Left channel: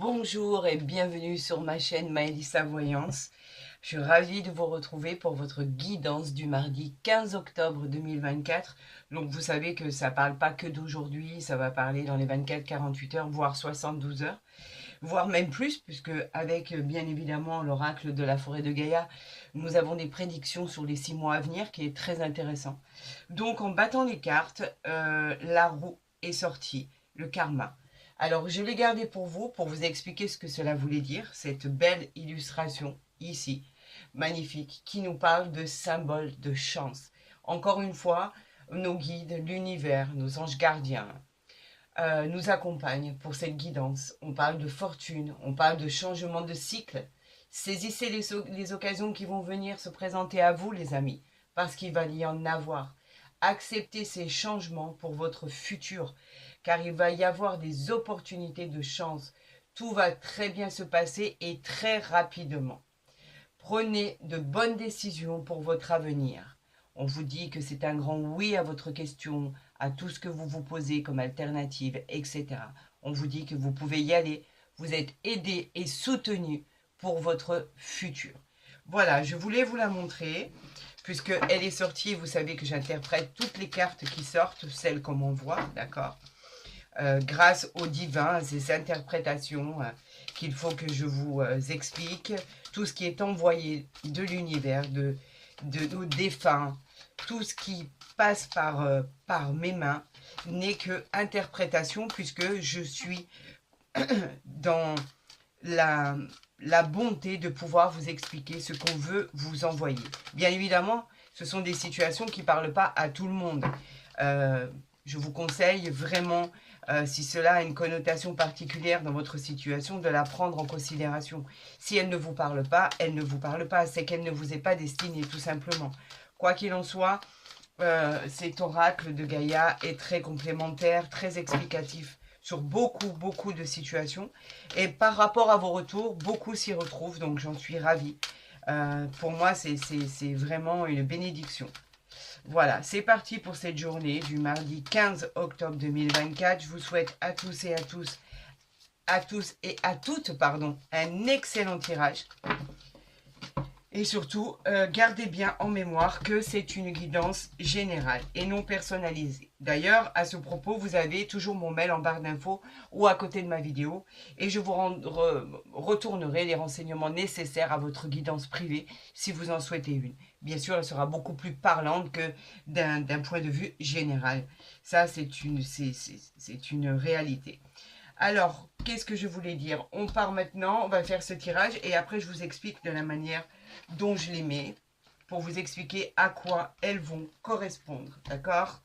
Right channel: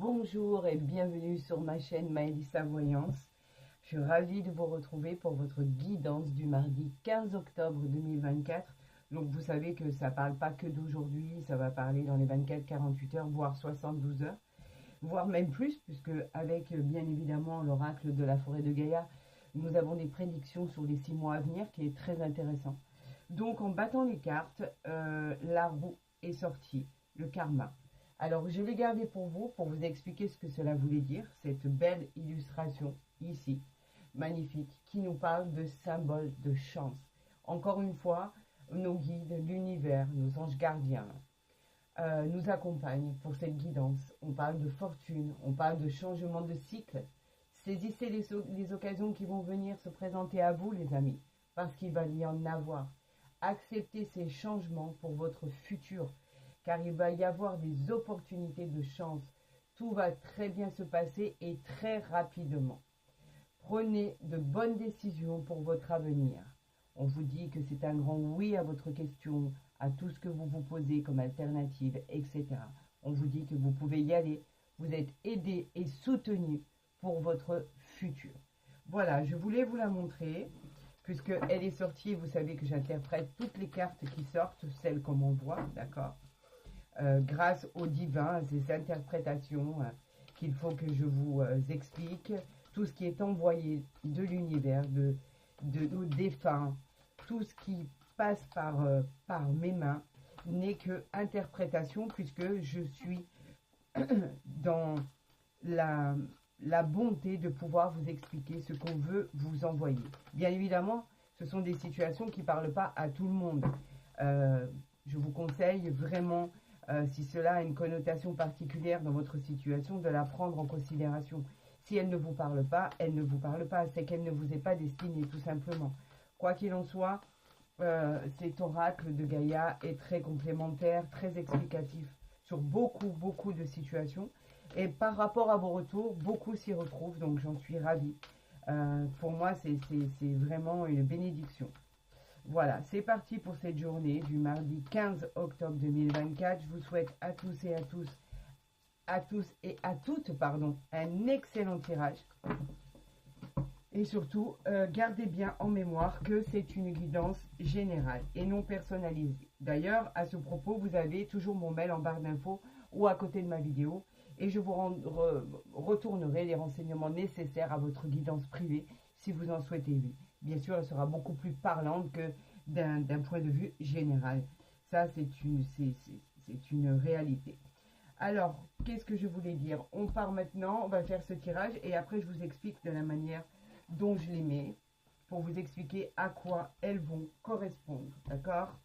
Bonjour et bienvenue sur ma chaîne Maëlissa Voyance. Je suis ravie de vous retrouver pour votre guidance du mardi 15 octobre 2024. Donc vous savez que ça ne parle pas que d'aujourd'hui, ça va parler dans les 24-48 heures, voire 72 heures, voire même plus, puisque avec bien évidemment l'oracle de la forêt de Gaïa, nous avons des prédictions sur les 6 mois à venir qui est très intéressant. Donc en battant les cartes, la roue est sortie, le karma. Alors, je l'ai gardé pour vous expliquer ce que cela voulait dire, cette belle illustration ici, magnifique, qui nous parle de symbole de chance. Encore une fois, nos guides, l'univers, nos anges gardiens nous accompagnent pour cette guidance. On parle de fortune, on parle de changement de cycle. Saisissez les occasions qui vont venir se présenter à vous, les amis, parce qu'il va y en avoir. Acceptez ces changements pour votre futur, car il va y avoir des opportunités de chance. Tout va très bien se passer et très rapidement. Prenez de bonnes décisions pour votre avenir. On vous dit que c'est un grand oui à votre question, à tout ce que vous vous posez comme alternative, etc. On vous dit que vous pouvez y aller. Vous êtes aidé et soutenu pour votre futur. Voilà, je voulais vous la montrer, puisqu'elle est sortie. Vous savez que j'interprète toutes les cartes qui sortent, celles comme on voit, d'accord, grâce au divin, à ces interprétations qu'il faut que je vous explique, tout ce qui est envoyé de l'univers, de nos défunts, tout ce qui passe par mes mains n'est que interprétation, puisque je suis dans la bonté de pouvoir vous expliquer ce qu'on veut vous envoyer. Bien évidemment, ce sont des situations qui ne parlent pas à tout le monde. Je vous conseille vraiment, si cela a une connotation particulière dans votre situation, de la prendre en considération. Si elle ne vous parle pas, elle ne vous parle pas. C'est qu'elle ne vous est pas destinée, tout simplement. Quoi qu'il en soit, cet oracle de Gaïa est très complémentaire, très explicatif sur beaucoup de situations. Et par rapport à vos retours, beaucoup s'y retrouvent, donc j'en suis ravie. Pour moi, c'est vraiment une bénédiction. Voilà, c'est parti pour cette journée du mardi 15 octobre 2024. Je vous souhaite à tous et à toutes, pardon, un excellent tirage. Et surtout, gardez bien en mémoire que c'est une guidance générale et non personnalisée. D'ailleurs, à ce propos, vous avez toujours mon mail en barre d'infos ou à côté de ma vidéo et je vous retournerai les renseignements nécessaires à votre guidance privée si vous en souhaitez une. Bien sûr, elle sera beaucoup plus parlante que d'un point de vue général. Ça, c'est une réalité. Alors, qu'est-ce que je voulais dire? On part maintenant, on va faire ce tirage et après je vous explique de la manière dont je les mets pour vous expliquer à quoi elles vont correspondre, d'accord?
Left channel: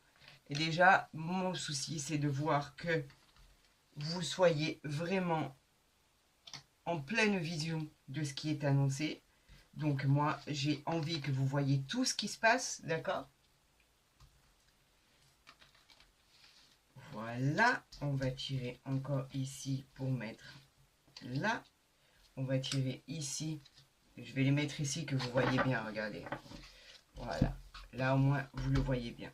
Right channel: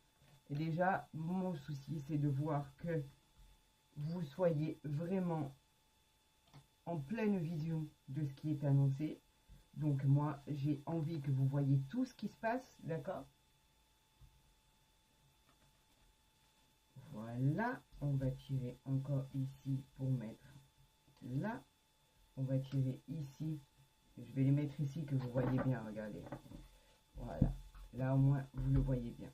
Et déjà, mon souci, c'est de voir que vous soyez vraiment en pleine vision de ce qui est annoncé. Donc moi, j'ai envie que vous voyez tout ce qui se passe, d'accord? Voilà, on va tirer encore ici pour mettre là. On va tirer ici. Je vais les mettre ici que vous voyez bien, regardez. Voilà, là au moins vous le voyez bien.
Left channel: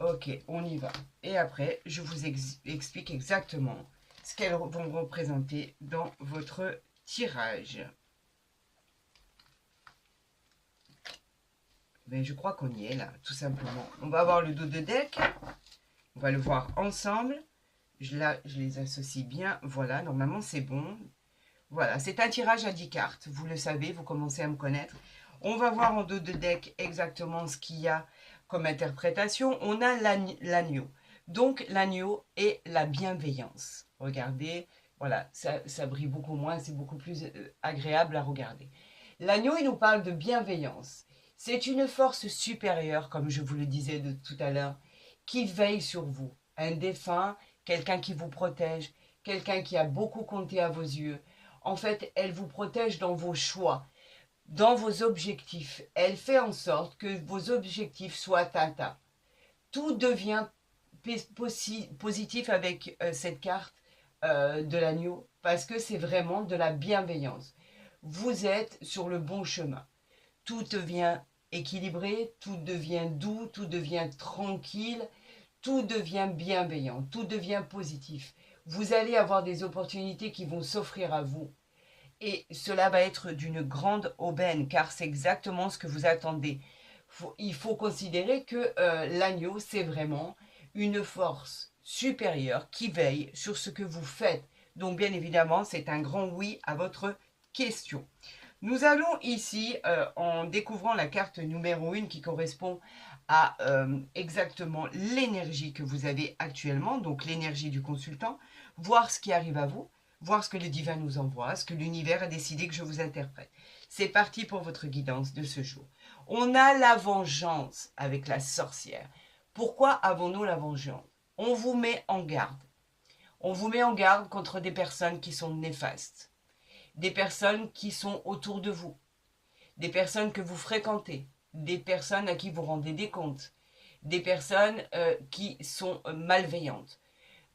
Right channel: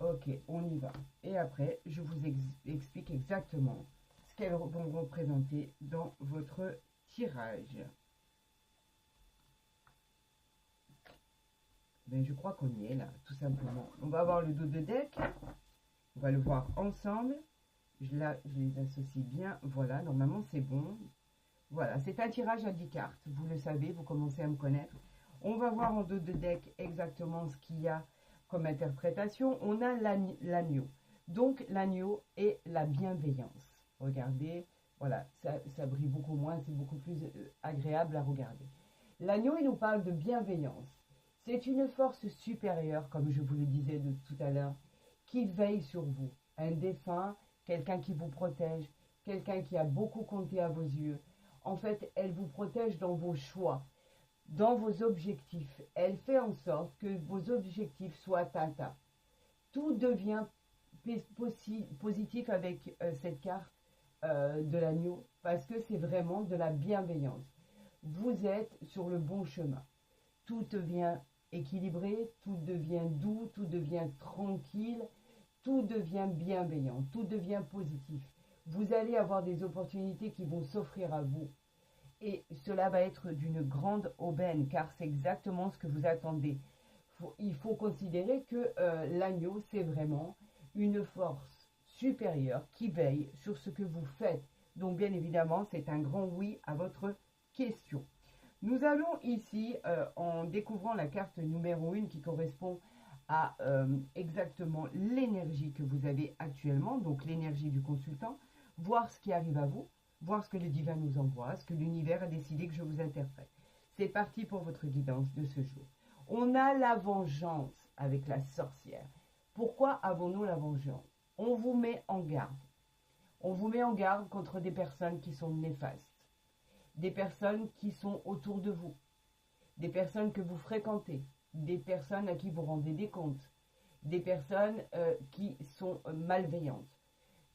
Ok, on y va. Et après, je vous explique exactement ce qu'elles vont représenter dans votre tirage. Mais je crois qu'on y est là, tout simplement. On va avoir le dos de deck. On va le voir ensemble. Là, je les associe bien. Voilà, normalement, c'est bon. Voilà, c'est un tirage à 10 cartes. Vous le savez, vous commencez à me connaître. On va voir en dos de deck exactement ce qu'il y a comme interprétation. On a l'agneau. Donc, l'agneau est la bienveillance. Regardez, voilà, ça brille beaucoup moins. C'est beaucoup plus agréable à regarder. L'agneau, il nous parle de bienveillance. C'est une force supérieure, comme je vous le disais de tout à l'heure, qui veille sur vous. Un défunt, quelqu'un qui vous protège, quelqu'un qui a beaucoup compté à vos yeux. En fait, elle vous protège dans vos choix, dans vos objectifs. Elle fait en sorte que vos objectifs soient atteints. Tout devient positif avec cette carte de l'agneau parce que c'est vraiment de la bienveillance. Vous êtes sur le bon chemin. Tout devient équilibré, tout devient doux, tout devient tranquille, tout devient bienveillant, tout devient positif. Vous allez avoir des opportunités qui vont s'offrir à vous. Et cela va être d'une grande aubaine, car c'est exactement ce que vous attendez. Il faut considérer que l'agneau, c'est vraiment une force supérieure qui veille sur ce que vous faites. Donc bien évidemment, c'est un grand oui à votre question. Nous allons ici, en découvrant la carte numéro 1 qui correspond à exactement l'énergie que vous avez actuellement, donc l'énergie du consultant, voir ce qui arrive à vous, voir ce que le divin nous envoie, ce que l'univers a décidé que je vous interprète. C'est parti pour votre guidance de ce jour. On a la vengeance avec la sorcière. Pourquoi avons-nous la vengeance? On vous met en garde. On vous met en garde contre des personnes qui sont néfastes, des personnes qui sont autour de vous, des personnes que vous fréquentez, des personnes à qui vous rendez des comptes, des personnes qui sont malveillantes.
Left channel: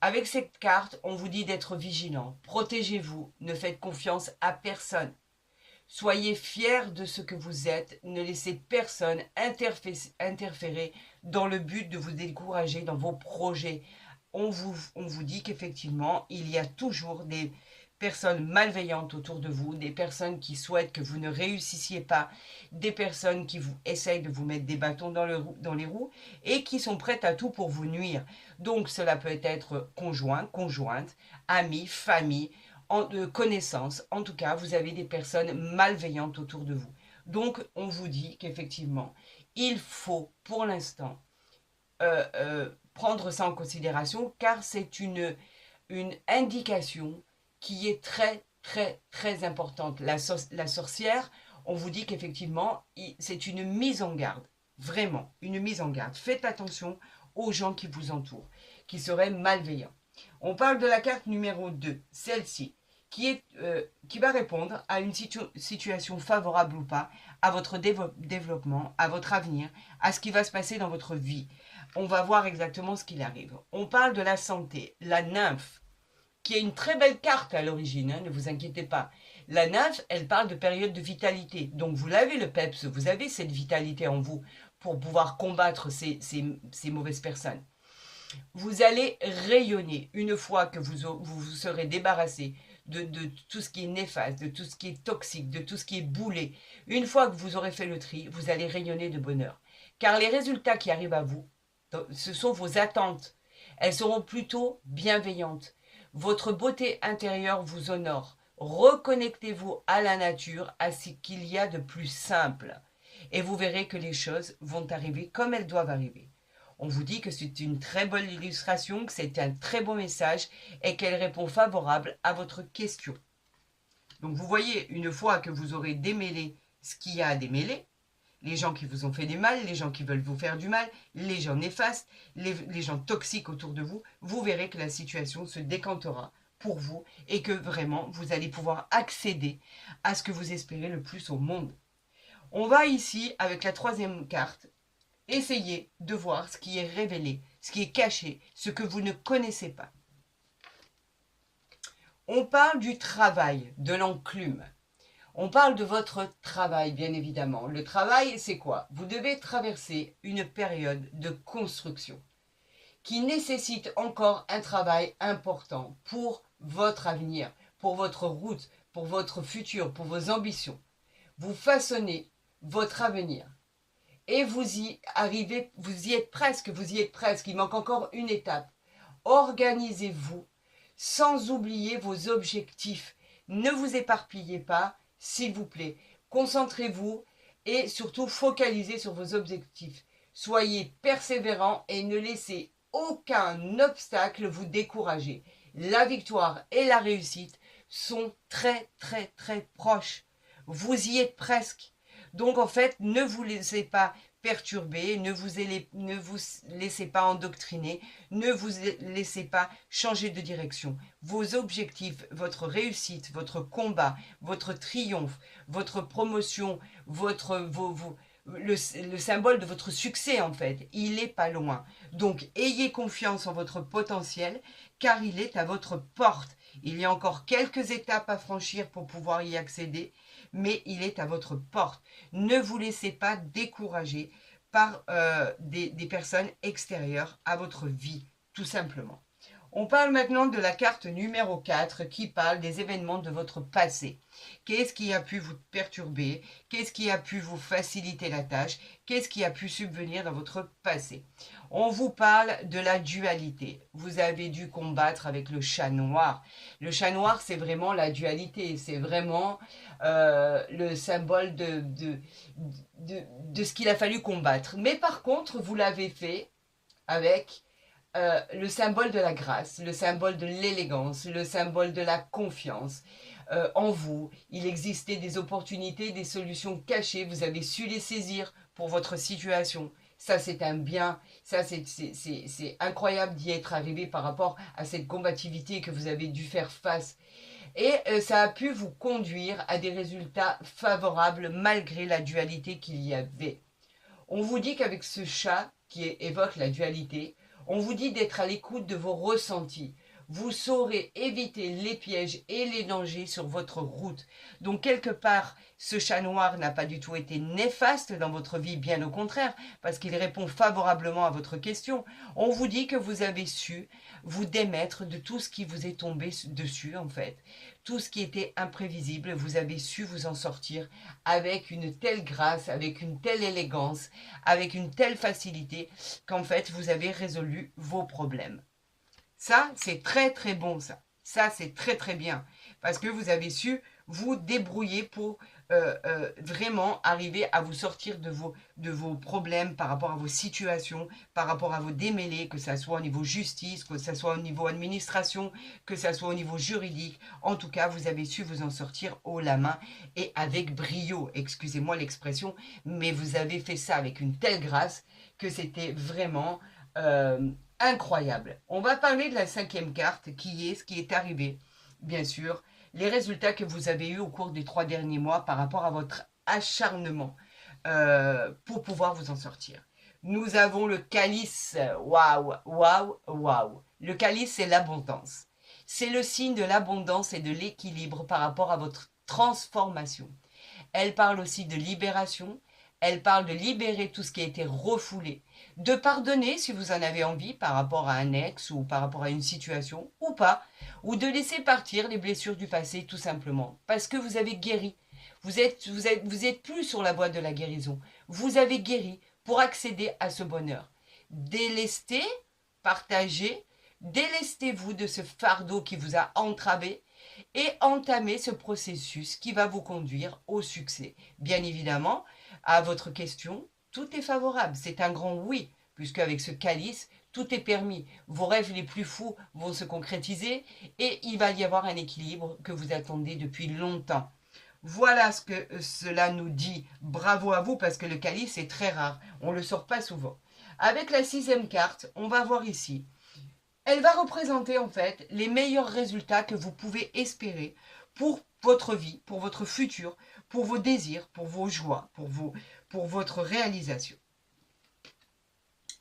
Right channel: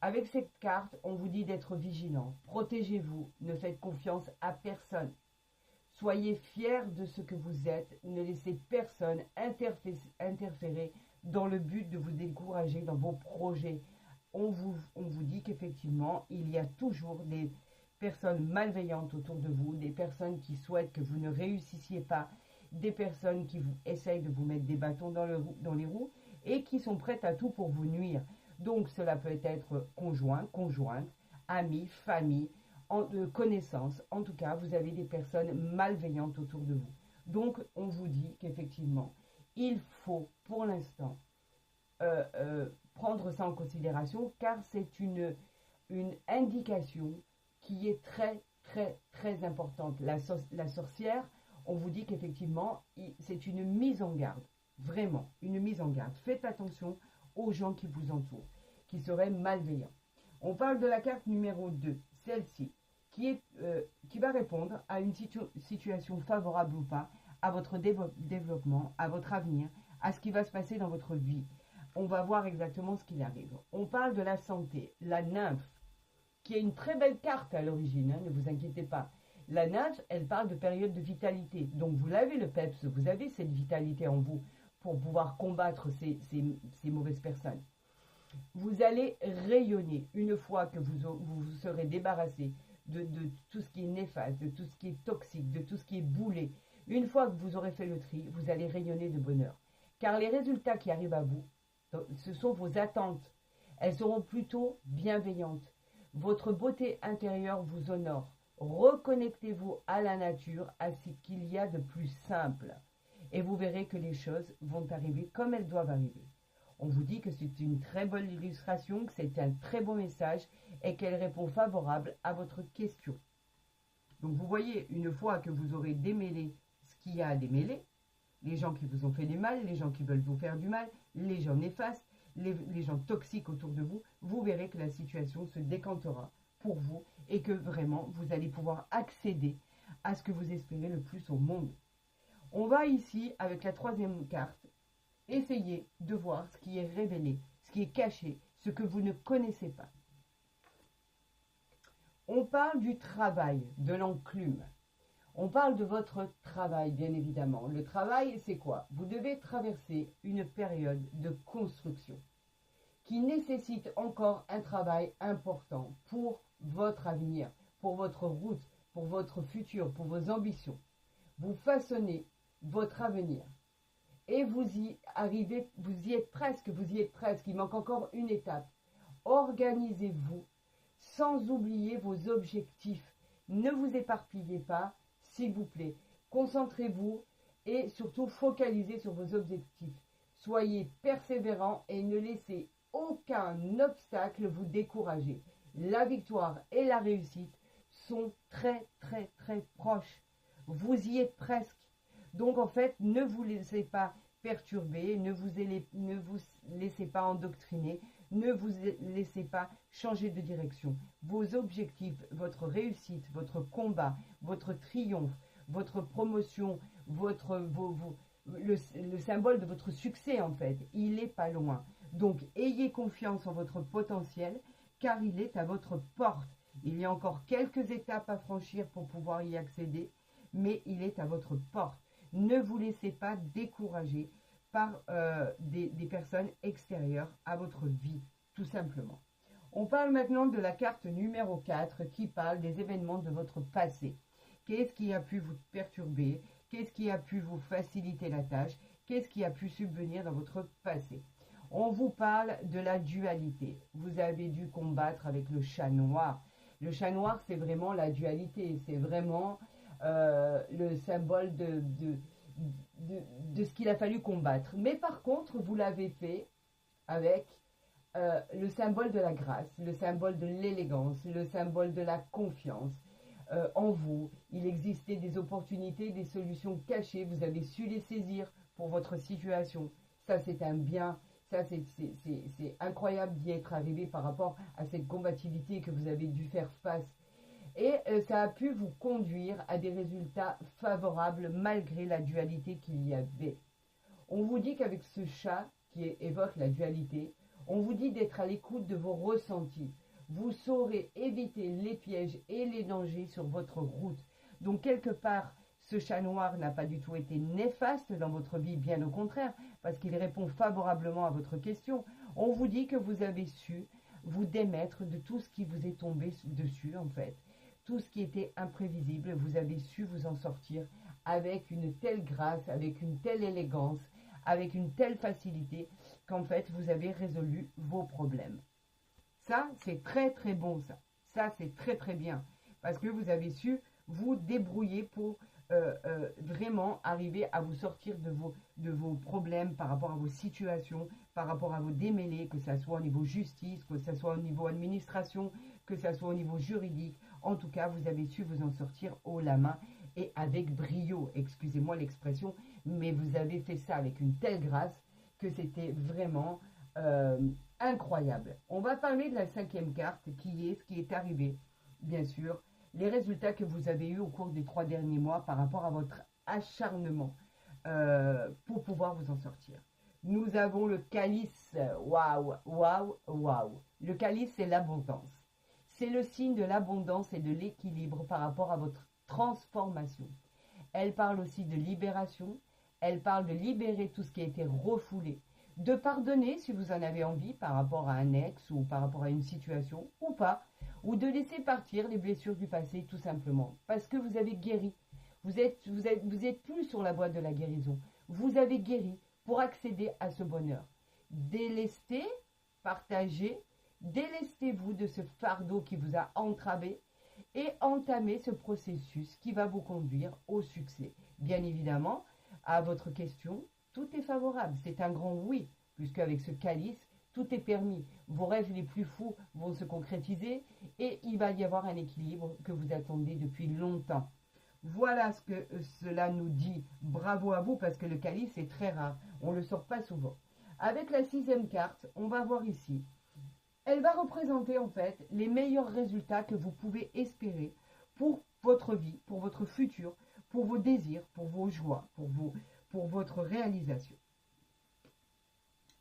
Avec cette carte, on vous dit d'être vigilant. Protégez-vous, ne faites confiance à personne. Soyez fiers de ce que vous êtes, ne laissez personne interférer dans le but de vous décourager dans vos projets. On vous dit qu'effectivement, il y a toujours des personnes malveillantes autour de vous, des personnes qui souhaitent que vous ne réussissiez pas, des personnes qui essayent de vous mettre des bâtons dans les roues et qui sont prêtes à tout pour vous nuire. Donc cela peut être conjoint, conjointe, amis, famille, connaissances. En tout cas, vous avez des personnes malveillantes autour de vous. Donc on vous dit qu'effectivement, il faut pour l'instant prendre ça en considération car c'est une indication qui est très très très importante. La sorcière, on vous dit qu'effectivement, c'est une mise en garde. Vraiment, une mise en garde. Faites attention aux gens qui vous entourent, qui seraient malveillants. On parle de la carte numéro 2, celle-ci, qui va répondre à une situation favorable ou pas, à votre développement, à votre avenir, à ce qui va se passer dans votre vie. On va voir exactement ce qu'il arrive. On parle de la santé, la nymphe, qui est une très belle carte à l'origine, hein, ne vous inquiétez pas. La nymphe, elle parle de période de vitalité. Donc vous l'avez le peps, vous avez cette vitalité en vous pour pouvoir combattre ces mauvaises personnes. Vous allez rayonner une fois que vous serez débarrassé de tout ce qui est néfaste, de tout ce qui est toxique, de tout ce qui est boulet. Une fois que vous aurez fait le tri, vous allez rayonner de bonheur. Car les résultats qui arrivent à vous, ce sont vos attentes. Elles seront plutôt bienveillantes. Votre beauté intérieure vous honore. Reconnectez-vous à la nature, à ce qu'il y a de plus simple. Et vous verrez que les choses vont arriver comme elles doivent arriver. On vous dit que c'est une très bonne illustration, que c'est un très beau message et qu'elle répond favorable à votre question. Donc vous voyez, une fois que vous aurez démêlé ce qu'il y a à démêler, les gens qui vous ont fait du mal, les gens qui veulent vous faire du mal, les gens néfastes, les gens toxiques autour de vous, vous verrez que la situation se décantera pour vous et que vraiment vous allez pouvoir accéder à ce que vous espérez le plus au monde. On va ici, avec la troisième carte, essayer de voir ce qui est révélé, ce qui est caché, ce que vous ne connaissez pas. On parle du travail, de l'enclume. On parle de votre travail, bien évidemment. Le travail, c'est quoi? Vous devez traverser une période de construction qui nécessite encore un travail important pour votre avenir, pour votre route, pour votre futur, pour vos ambitions. Vous façonnez votre avenir. Et vous y arrivez, vous y êtes presque, il manque encore une étape. Organisez-vous sans oublier vos objectifs. Ne vous éparpillez pas, s'il vous plaît. Concentrez-vous et surtout focalisez sur vos objectifs. Soyez persévérants et ne laissez aucun obstacle vous décourager. La victoire et la réussite sont très très très proches. Vous y êtes presque. Donc en fait, ne vous laissez pas perturber, ne vous laissez pas endoctriner, ne vous laissez pas changer de direction. Vos objectifs, votre réussite, votre combat, votre triomphe, votre promotion, le symbole de votre succès en fait, il n'est pas loin. Donc ayez confiance en votre potentiel car il est à votre porte. Il y a encore quelques étapes à franchir pour pouvoir y accéder, mais il est à votre porte. Ne vous laissez pas décourager par des personnes extérieures à votre vie, tout simplement. On parle maintenant de la carte numéro 4 qui parle des événements de votre passé. Qu'est-ce qui a pu vous perturber? Qu'est-ce qui a pu vous faciliter la tâche? Qu'est-ce qui a pu subvenir dans votre passé? On vous parle de la dualité. Vous avez dû combattre avec le chat noir. Le chat noir, c'est vraiment la dualité. C'est vraiment le symbole de ce qu'il a fallu combattre. Mais par contre, vous l'avez fait avec le symbole de la grâce, le symbole de l'élégance, le symbole de la confiance en vous. Il existait des opportunités, des solutions cachées. Vous avez su les saisir pour votre situation. Ça, c'est un bien. Ça, c'est incroyable d'y être arrivé par rapport à cette combativité que vous avez dû faire face. Et ça a pu vous conduire à des résultats favorables malgré la dualité qu'il y avait. On vous dit qu'avec ce chat qui évoque la dualité, on vous dit d'être à l'écoute de vos ressentis. Vous saurez éviter les pièges et les dangers sur votre route. Donc quelque part, ce chat noir n'a pas du tout été néfaste dans votre vie, bien au contraire, parce qu'il répond favorablement à votre question. On vous dit que vous avez su vous démettre de tout ce qui vous est tombé dessus, en fait. Tout ce qui était imprévisible, vous avez su vous en sortir avec une telle grâce, avec une telle élégance, avec une telle facilité qu'en fait, vous avez résolu vos problèmes. Ça, c'est très très bon, ça. Ça, c'est très très bien. Parce que vous avez su vous débrouiller pour vraiment arriver à vous sortir de vos problèmes par rapport à vos situations, par rapport à vos démêlés, que ce soit au niveau justice, que ce soit au niveau administration, que ce soit au niveau juridique. En tout cas, vous avez su vous en sortir haut la main et avec brio. Excusez-moi l'expression, mais vous avez fait ça avec une telle grâce que c'était vraiment incroyable. On va parler de la 5e carte qui est ce qui est arrivé, bien sûr, les résultats que vous avez eus au cours des 3 derniers mois par rapport à votre acharnement pour pouvoir vous en sortir. Nous avons le calice. Waouh, waouh, waouh. Le calice, c'est l'abondance. C'est le signe de l'abondance et de l'équilibre par rapport à votre transformation. Elle parle aussi de libération. Elle parle de libérer tout ce qui a été refoulé. De pardonner si vous en avez envie par rapport à un ex ou par rapport à une situation ou pas. Ou de laisser partir les blessures du passé tout simplement. Parce que vous avez guéri. Vous êtes plus sur la voie de la guérison. Vous avez guéri pour accéder à ce bonheur. Délestez, partagez, délestez-vous de ce fardeau qui vous a entravé et entamez ce processus qui va vous conduire au succès. Bien évidemment, à votre question, tout est favorable. C'est un grand oui, puisque avec ce calice, tout est permis. Vos rêves les plus fous vont se concrétiser et il va y avoir un équilibre que vous attendez depuis longtemps. Voilà ce que cela nous dit. Bravo à vous parce que le calice est très rare. On ne le sort pas souvent. Avec la 6e carte, on va voir ici. Elle va représenter en fait les meilleurs résultats que vous pouvez espérer pour votre vie, pour votre futur, pour vos désirs, pour vos joies, pour votre réalisation.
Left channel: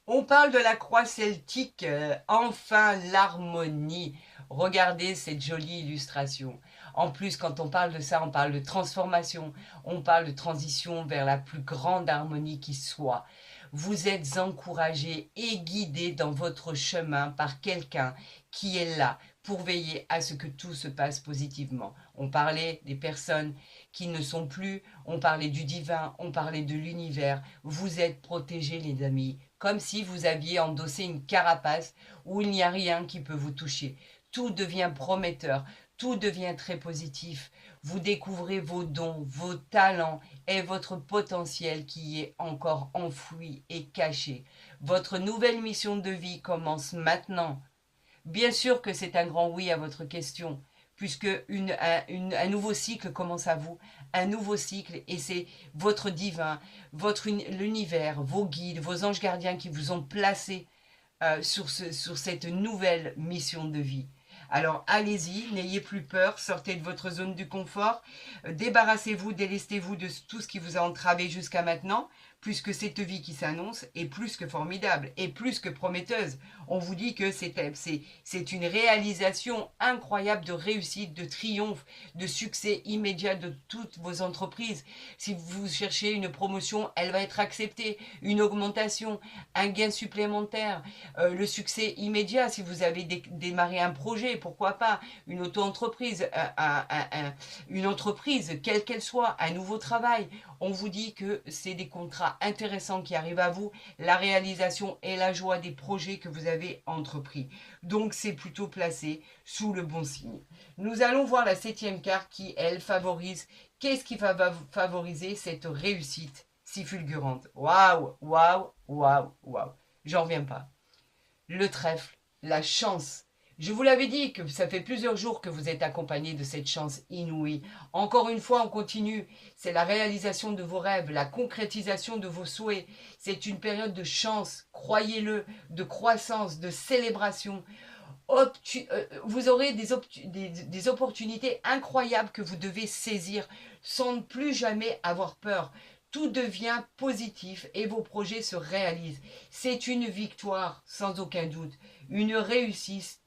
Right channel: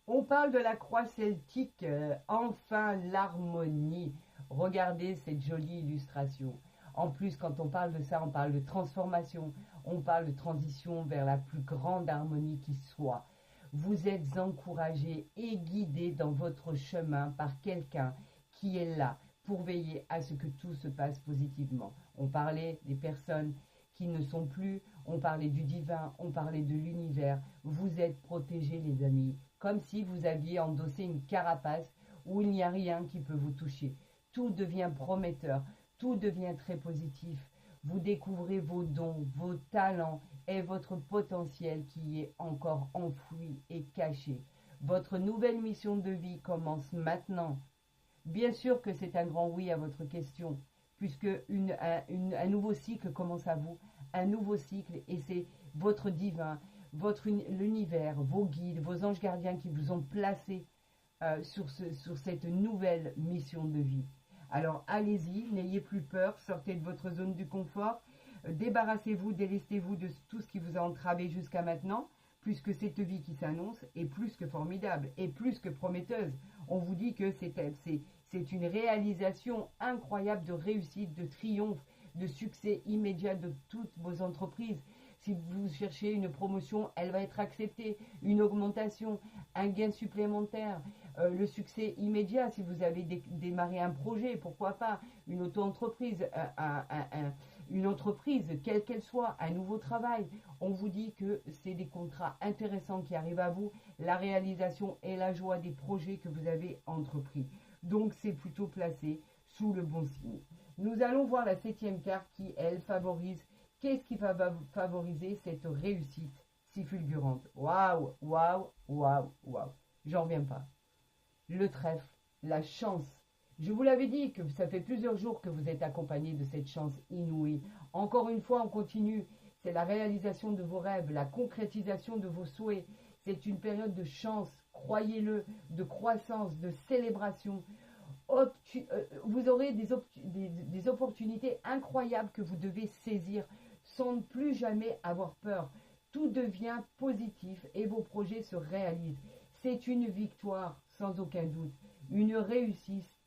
On parle de la croix celtique, enfin l'harmonie. Regardez cette jolie illustration. En plus, quand on parle de ça, on parle de transformation, on parle de transition vers la plus grande harmonie qui soit. Vous êtes encouragé et guidé dans votre chemin par quelqu'un qui est là pour veiller à ce que tout se passe positivement. On parlait des personnes qui ne sont plus, on parlait du divin, on parlait de l'univers. Vous êtes protégés, les amis, comme si vous aviez endossé une carapace où il n'y a rien qui peut vous toucher. Tout devient prometteur, tout devient très positif. Vous découvrez vos dons, vos talents et votre potentiel qui est encore enfoui et caché. Votre nouvelle mission de vie commence maintenant. Bien sûr que c'est un grand oui à votre question, puisque un nouveau cycle commence à vous, un nouveau cycle, et c'est votre divin, l'univers, vos guides, vos anges gardiens qui vous ont placé sur cette nouvelle mission de vie. Alors allez-y, n'ayez plus peur, sortez de votre zone du confort, débarrassez-vous, délestez-vous de tout ce qui vous a entravé jusqu'à maintenant, puisque cette vie qui s'annonce est plus que formidable et plus que prometteuse. On vous dit que c'est une réalisation incroyable de réussite, de triomphe, de succès immédiat de toutes vos entreprises. Si vous cherchez une promotion, elle va être acceptée, une augmentation, un gain supplémentaire, le succès immédiat si vous avez démarré un projet, pourquoi pas, une auto-entreprise, une entreprise, quelle qu'elle soit, un nouveau travail. On vous dit que c'est des contrats intéressants qui arrivent à vous, la réalisation et la joie des projets que vous avez entrepris. Donc c'est plutôt placé sous le bon signe. Nous allons voir la 7e carte qui, elle, favorise. Qu'est-ce qui va favoriser cette réussite si fulgurante? Waouh, waouh, waouh, waouh. J'en reviens pas. Le trèfle, la chance. Je vous l'avais dit que ça fait plusieurs jours que vous êtes accompagné de cette chance inouïe. Encore une fois, on continue. C'est la réalisation de vos rêves, la concrétisation de vos souhaits. C'est une période de chance, croyez-le, de croissance, de célébration. Vous aurez des opportunités incroyables que vous devez saisir sans ne plus jamais avoir peur. Tout devient positif et vos projets se réalisent. C'est une victoire, sans aucun doute. Une réussite,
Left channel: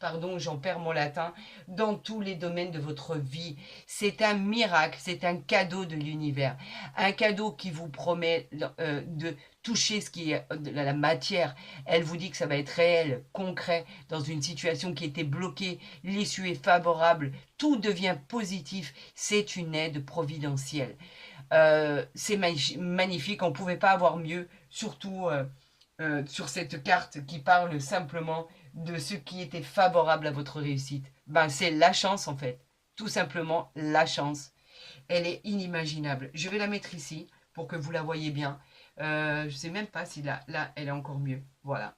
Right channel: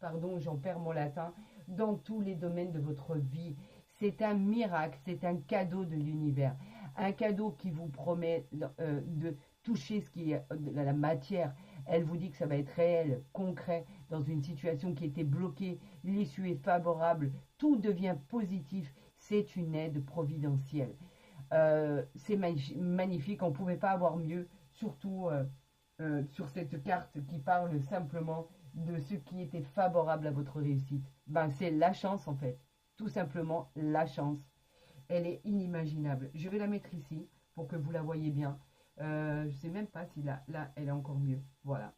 pardon, j'en perds mon latin, dans tous les domaines de votre vie. C'est un miracle, c'est un cadeau de l'univers. Un cadeau qui vous promet de toucher ce qui est de la matière. Elle vous dit que ça va être réel, concret, dans une situation qui était bloquée. L'issue est favorable, tout devient positif. C'est une aide providentielle. C'est magnifique, on ne pouvait pas avoir mieux, surtout sur cette carte qui parle simplement de ce qui était favorable à votre réussite. Ben, c'est la chance en fait, tout simplement la chance. Elle est inimaginable. Je vais la mettre ici pour que vous la voyez bien. Je ne sais même pas si là, elle est encore mieux. Voilà,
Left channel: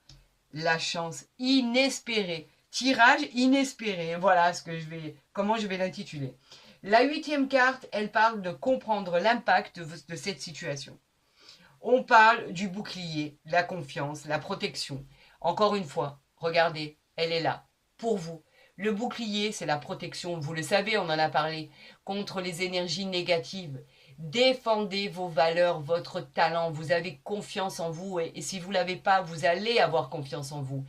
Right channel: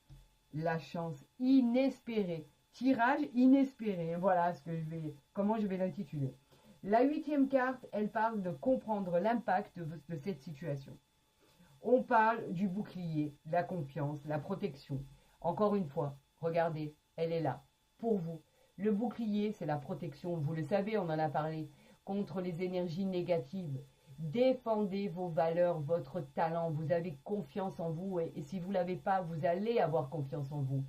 la chance inespérée. Tirage inespéré. Voilà comment je vais l'intituler. La 8e carte, elle parle de comprendre l'impact de cette situation. On parle du bouclier, la confiance, la protection. Encore une fois, regardez, elle est là, pour vous. Le bouclier, c'est la protection, vous le savez, on en a parlé, contre les énergies négatives. Défendez vos valeurs, votre talent, vous avez confiance en vous et si vous ne l'avez pas, vous allez avoir confiance en vous.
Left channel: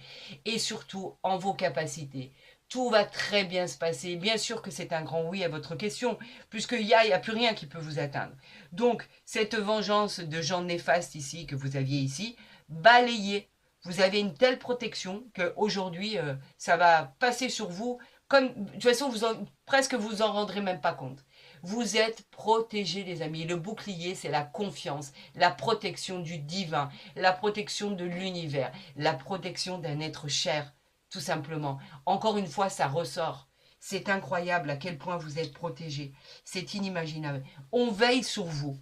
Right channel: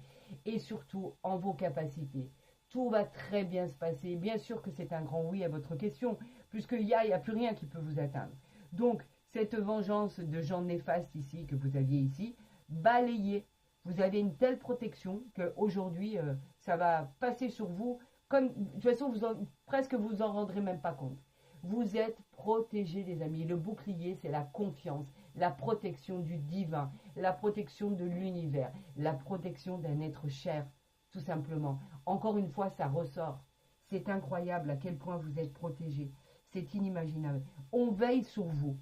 Et surtout, en vos capacités. Tout va très bien se passer. Bien sûr que c'est un grand oui à votre question, puisqu'il n'y a plus rien qui peut vous atteindre. Donc, cette vengeance de gens néfastes ici, que vous aviez ici, balayez. Vous avez une telle protection qu'aujourd'hui, ça va passer sur vous. De toute façon, presque vous en rendrez même pas compte. Vous êtes protégés, les amis. Le bouclier, c'est la confiance, la protection du divin, la protection de l'univers, la protection d'un être cher. Tout simplement. Encore une fois, ça ressort. C'est incroyable à quel point vous êtes protégés. C'est inimaginable. On veille sur vous.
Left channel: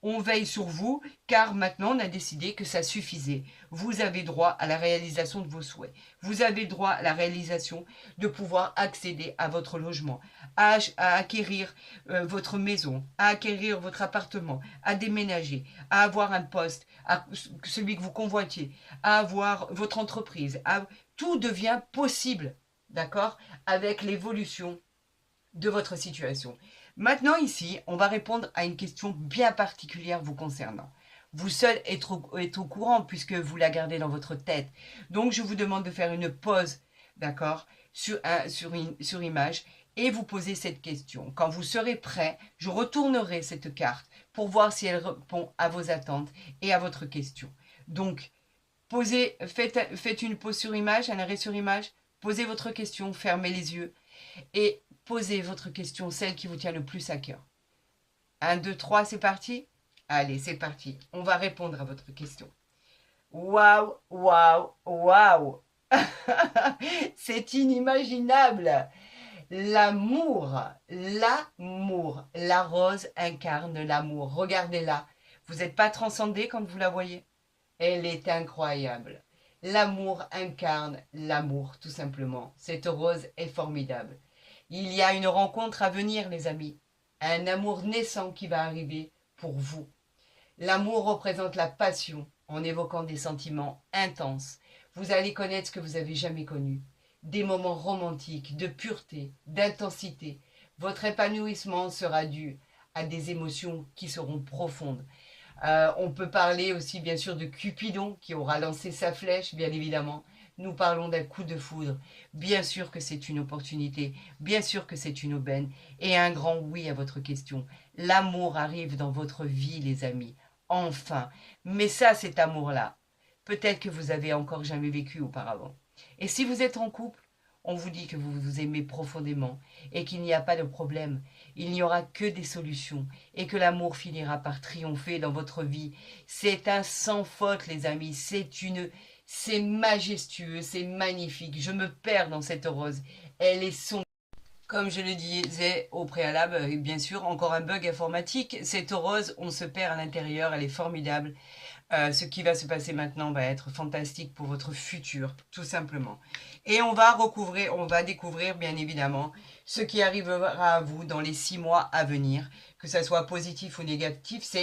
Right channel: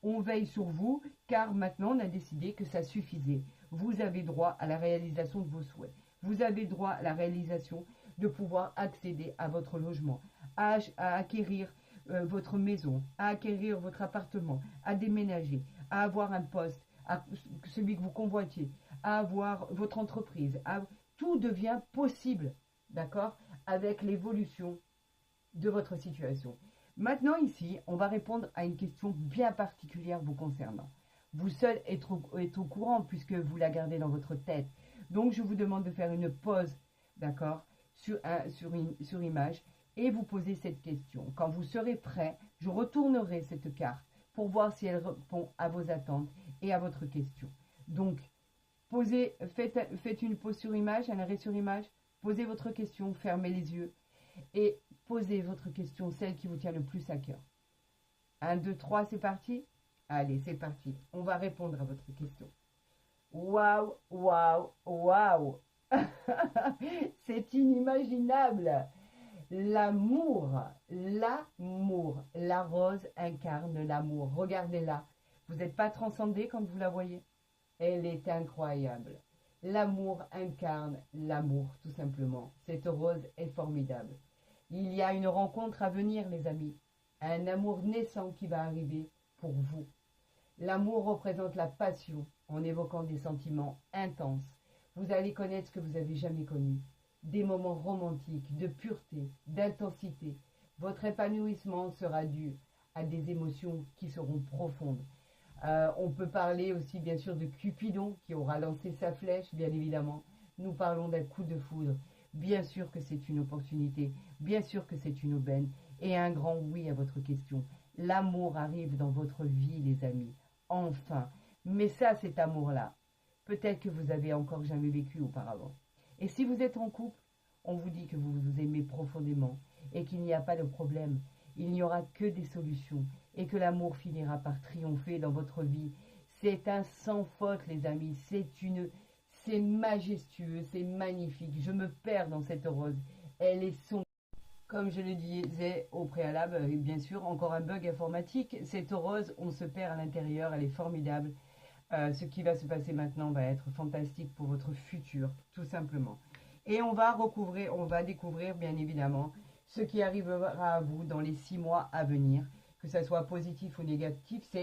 On veille sur vous car maintenant on a décidé que ça suffisait. Vous avez droit à la réalisation de vos souhaits. Vous avez droit à la réalisation de pouvoir accéder à votre logement, à acquérir votre maison, à acquérir votre appartement, à déménager, à avoir un poste, à celui que vous convoitiez, à avoir votre entreprise. Tout devient possible, d'accord, avec l'évolution de votre situation. Maintenant ici, on va répondre à une question bien particulière vous concernant. Vous seul êtes au courant puisque vous la gardez dans votre tête. Donc je vous demande de faire une pause, d'accord, sur image et vous poser cette question. Quand vous serez prêt, je retournerai cette carte pour voir si elle répond à vos attentes et à votre question. Donc, faites une pause sur image, un arrêt sur image, posez votre question, fermez les yeux et posez votre question, celle qui vous tient le plus à cœur. 1, 2, 3, c'est parti? Allez, c'est parti. On va répondre à votre question. Waouh, waouh, waouh. C'est inimaginable. L'amour, la rose incarne l'amour. Regardez-la. Vous n'êtes pas transcendé quand vous la voyez? Elle est incroyable. L'amour incarne l'amour, tout simplement. Cette rose est formidable. Il y a une rencontre à venir, les amis. Un amour naissant qui va arriver pour vous. L'amour représente la passion en évoquant des sentiments intenses. Vous allez connaître ce que vous n'avez jamais connu. Des moments romantiques, de pureté, d'intensité. Votre épanouissement sera dû à des émotions qui seront profondes. On peut parler aussi bien sûr de Cupidon qui aura lancé sa flèche, bien évidemment. Nous parlons d'un coup de foudre. Bien sûr que c'est une opportunité, bien sûr que c'est une aubaine. Et un grand oui à votre question. L'amour arrive dans votre vie, les amis. Enfin. Mais ça, cet amour-là, peut-être que vous avez encore jamais vécu auparavant. Et si vous êtes en couple, on vous dit que vous vous aimez profondément et qu'il n'y a pas de problème. Il n'y aura que des solutions et que l'amour finira par triompher dans votre vie. C'est un sans faute, les amis. C'est majestueux, c'est magnifique. Je me perds dans cette rose. Elle est sombre. Comme je le disais au préalable, bien sûr, encore un bug informatique. Cette rose, on se perd à l'intérieur, elle est formidable. Ce qui va se passer maintenant va être fantastique pour votre futur, tout simplement. Et on va découvrir bien évidemment ce qui arrivera à vous dans les 6 mois à venir, que ça soit positif ou négatif.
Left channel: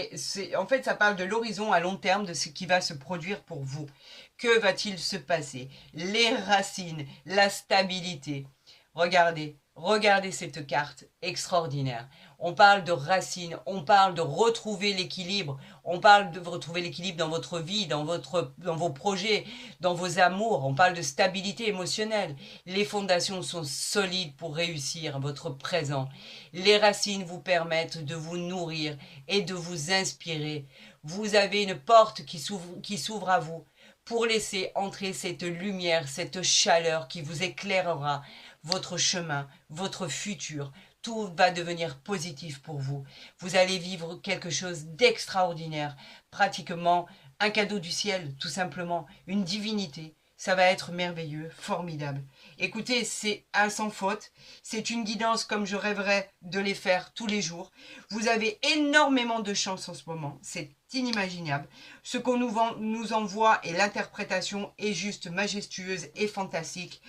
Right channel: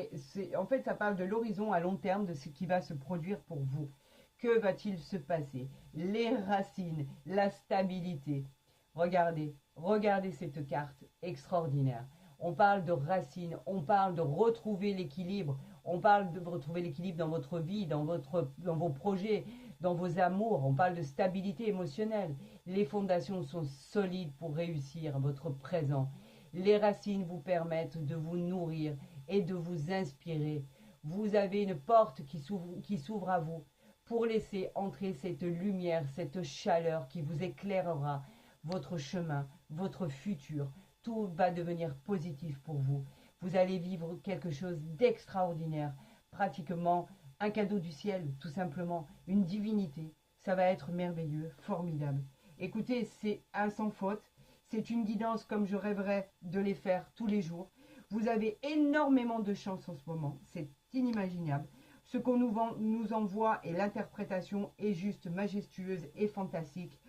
En fait, ça parle de l'horizon à long terme de ce qui va se produire pour vous. Que va-t-il se passer? Les racines, la stabilité. Regardez cette carte extraordinaire. On parle de racines, on parle de retrouver l'équilibre, on parle de retrouver l'équilibre dans votre vie, dans vos projets, dans vos amours, on parle de stabilité émotionnelle. Les fondations sont solides pour réussir votre présent. Les racines vous permettent de vous nourrir et de vous inspirer. Vous avez une porte qui s'ouvre à vous pour laisser entrer cette lumière, cette chaleur qui vous éclairera votre chemin, votre futur. Tout va devenir positif pour vous. Vous allez vivre quelque chose d'extraordinaire, pratiquement un cadeau du ciel, tout simplement, une divinité. Ça va être merveilleux, formidable. Écoutez, c'est un sans faute. C'est une guidance comme je rêverais de les faire tous les jours. Vous avez énormément de chance en ce moment. C'est inimaginable. Ce qu'on nous envoie et l'interprétation est juste majestueuse et fantastique.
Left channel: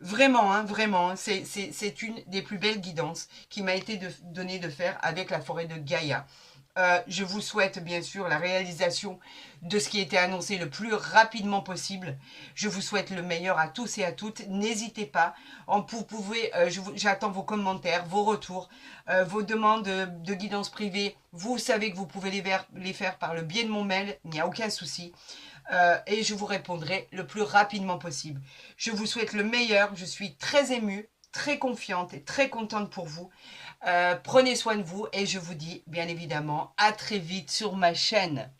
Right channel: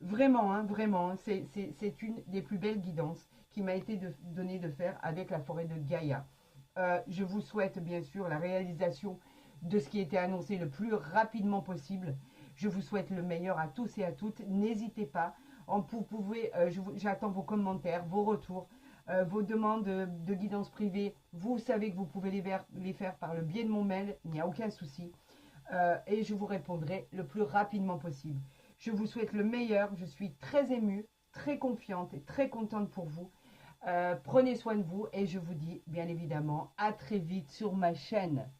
Vraiment, hein, vraiment, c'est une des plus belles guidances qui m'a été donnée de faire avec la forêt de Gaïa. Je vous souhaite bien sûr la réalisation de ce qui était annoncé le plus rapidement possible. Je vous souhaite le meilleur à tous et à toutes. N'hésitez pas. Vous pouvez, j'attends vos commentaires, vos retours, vos demandes de guidance privée. Vous savez que vous pouvez les faire par le biais de mon mail. Il n'y a aucun souci. Et je vous répondrai le plus rapidement possible. Je vous souhaite le meilleur. Je suis très émue, très confiante et très contente pour vous. Prenez soin de vous et je vous dis bien évidemment à très vite sur ma chaîne.